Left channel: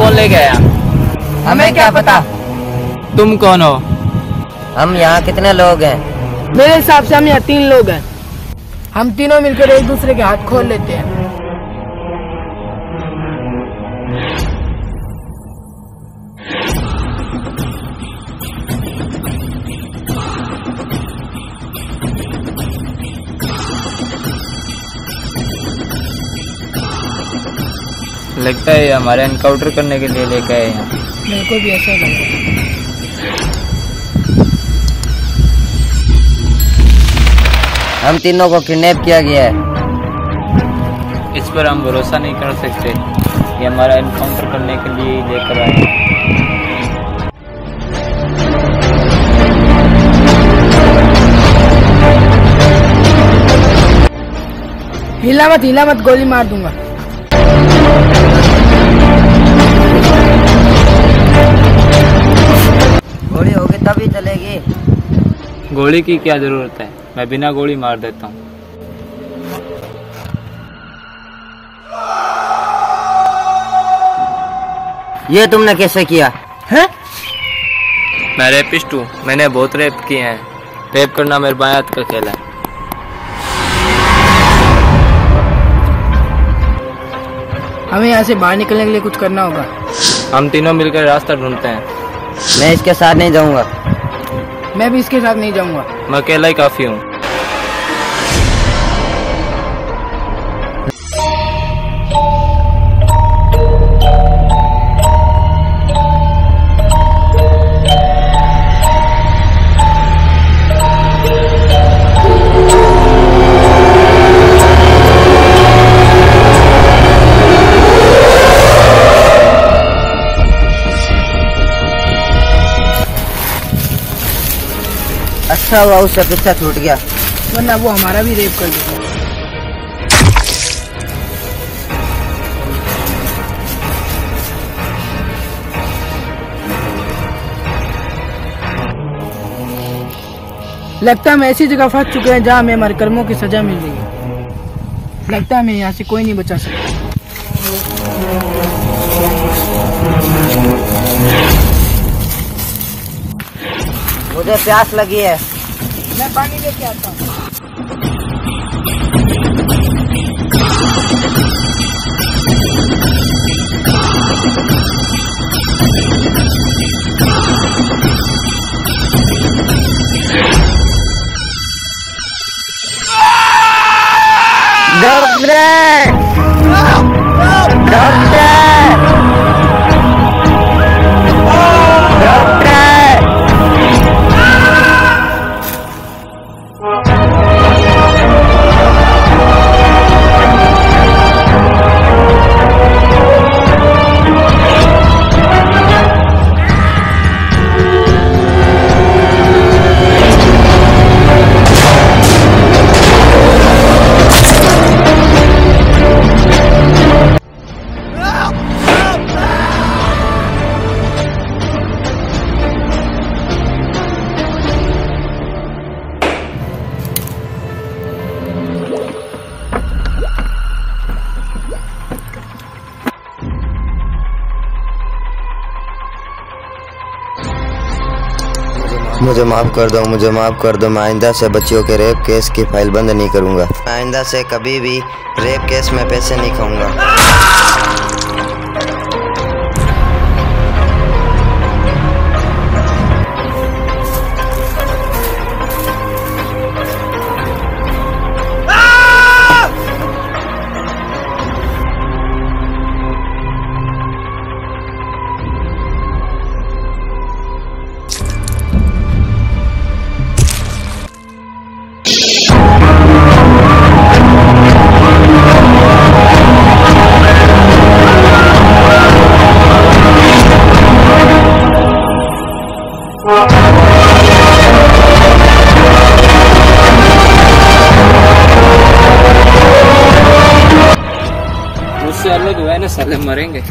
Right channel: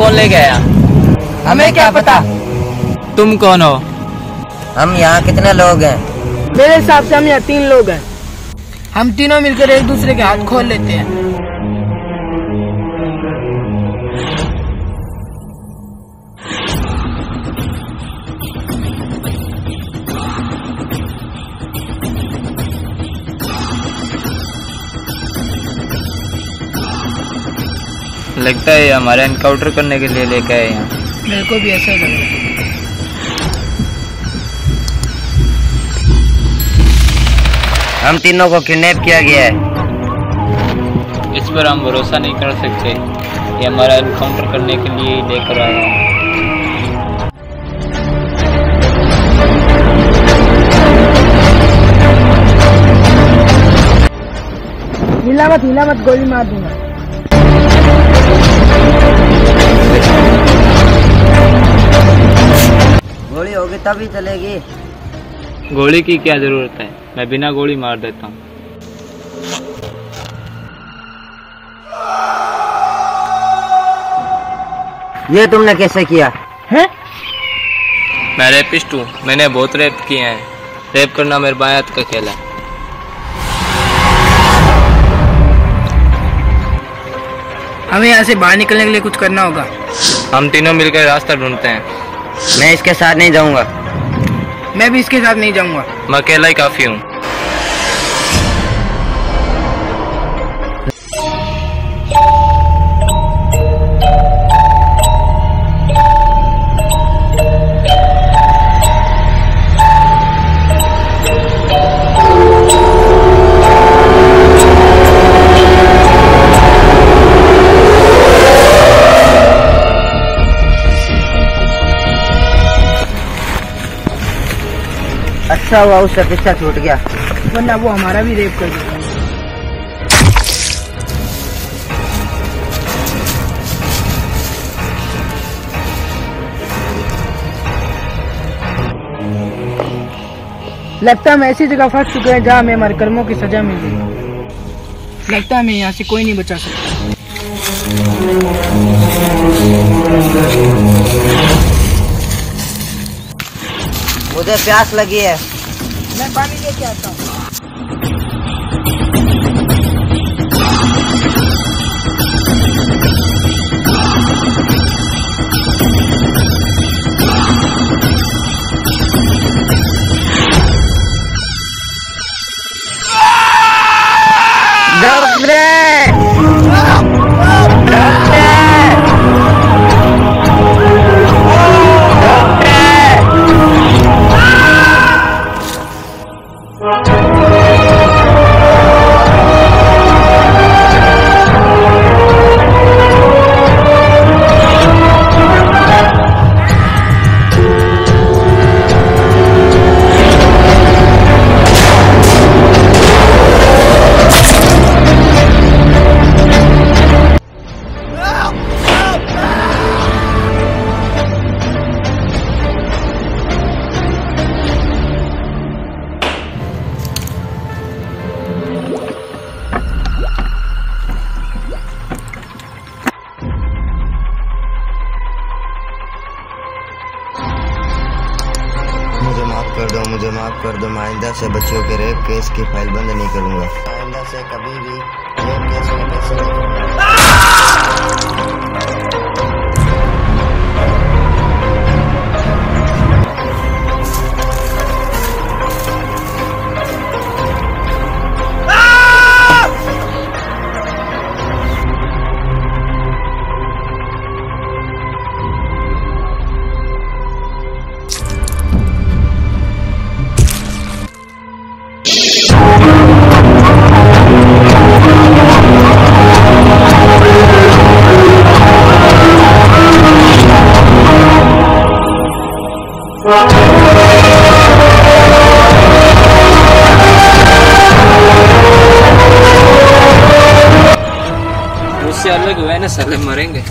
कौन ले गया? हमें क्या पता। तुम कौन हो? हम यहाँ कितने लोग हैं? मेरे हिसाब से हम यहाँ 3 लोग हैं। हम तीनों मिलकर एक दूसरे के हाथ खोल लेते हैं। लगता है हमारा एनकाउंटर करने के लिए लेके आए हैं। मेरे को भी ऐसा ही लग रहा है। हम तीनों को किडनैप किया गया है। इस पर हम भरोसा नहीं कर सकते। ये हमारा एनकाउंटर करने के लिए ही लेकर आए हैं। हिला मत, गोली मार दूंगा। गोली होगी तभी चलेगी। गोली की क्या जरूरत है? मैं बिना गोली मार देता हूँ। ये तुमने कैसे किया है? मैं रेपिस्ट हूँ। मैंने बहुत रेप किए हैं। रेप करना मेरे बाएं हाथ का खेल है। हमें यहाँ से बाहर निकलने के लिए कुछ करना होगा। हम तीनों मिलकर रास्ता ढूंढते हैं। मैं इसके साथ नहीं जाऊंगा। मैं भी इसके साथ नहीं जाऊंगा। मैं अकेला ही काफी हूँ। अच्छा हुआ उसका पीछा छूट गया, वरना वो हमारा भी रेप कर देता। लगता है हम ऐसी जगह फंस चुके हैं जहाँ हमें हमारे कर्मों की सजा मिल गई। लगता है हमें यहाँ से कोई नहीं बचा सकता। मुझे प्यास लगी है। मैं पानी लेके आता हूँ। मुझे माफ कर दो, मुझे माफ कर दो। मैं आइंदा से बच्चियों के रेप केस की फाइल बंद नहीं करूंगा। आइंदा से कभी भी रेप केस में पैसे नहीं खाऊंगा। मुझसे अलग हुआ है ना साले, मरेंगे।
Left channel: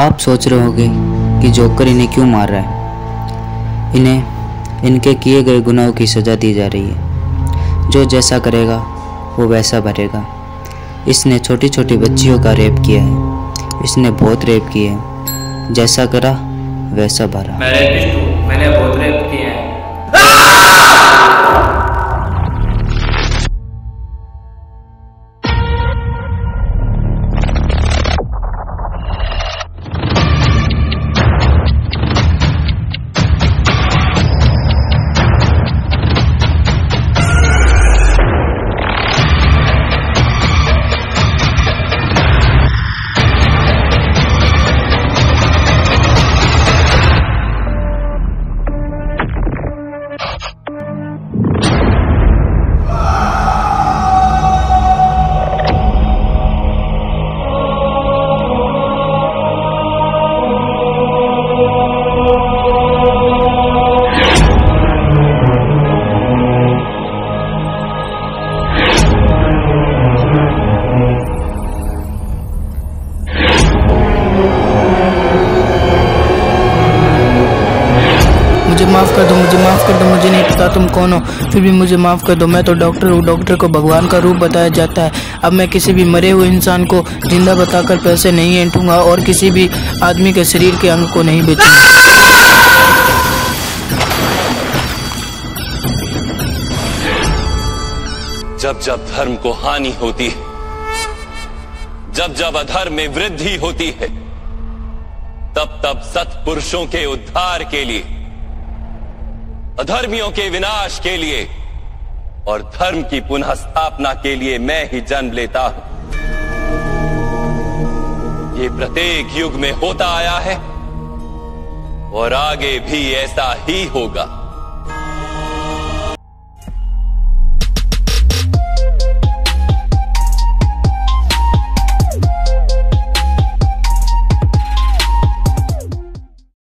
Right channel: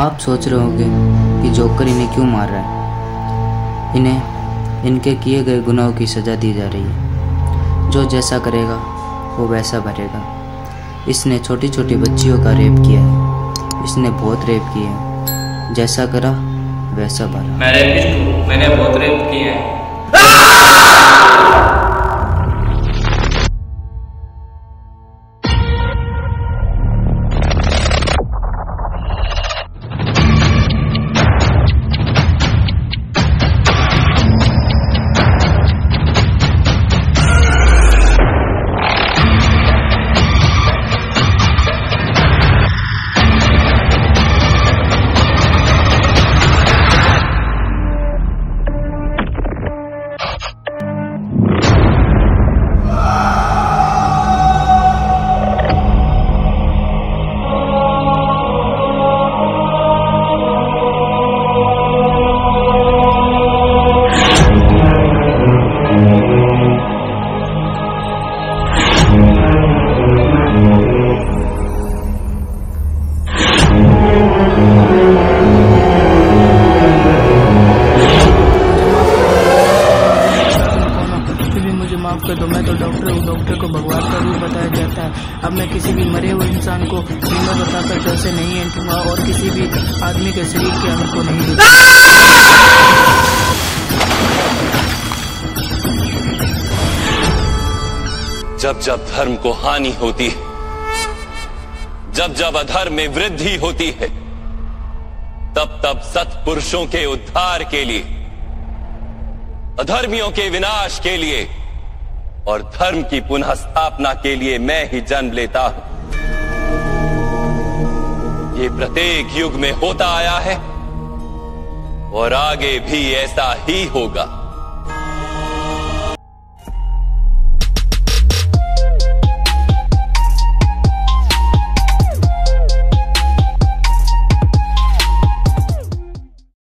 आप सोच रहे होंगे कि जोकर इन्हें क्यों मार रहा है। इन्हें इनके किए गए गुनाहों की सज़ा दी जा रही है। जो जैसा करेगा वो वैसा भरेगा। इसने छोटी छोटी बच्चियों का रेप किया है। इसने बहुत रेप किए हैं। जैसा करा वैसा भरा। मैंने बहुत रेप किए हैं। तुम कौन हो? फिर भी मुझे माफ़ कर दो। मैं तो डॉक्टर हूँ। डॉक्टर को भगवान का रूप बताया जाता है। अब मैं किसी भी मरे हुए इंसान को जिंदा बताकर पैसे नहीं ऐंठूंगा और किसी भी आदमी के शरीर के अंग को नहीं बेचूंगा। जब जब धर्म को हानि होती है, जब जब अधर्म में वृद्धि होती है, तब तब सत्पुरुषों के उद्धार के लिए, अधर्मियों के विनाश के लिए और धर्म की पुनः स्थापना के लिए मैं ही जन्म लेता हूं। ये प्रत्येक युग में होता आया है और आगे भी ऐसा ही होगा।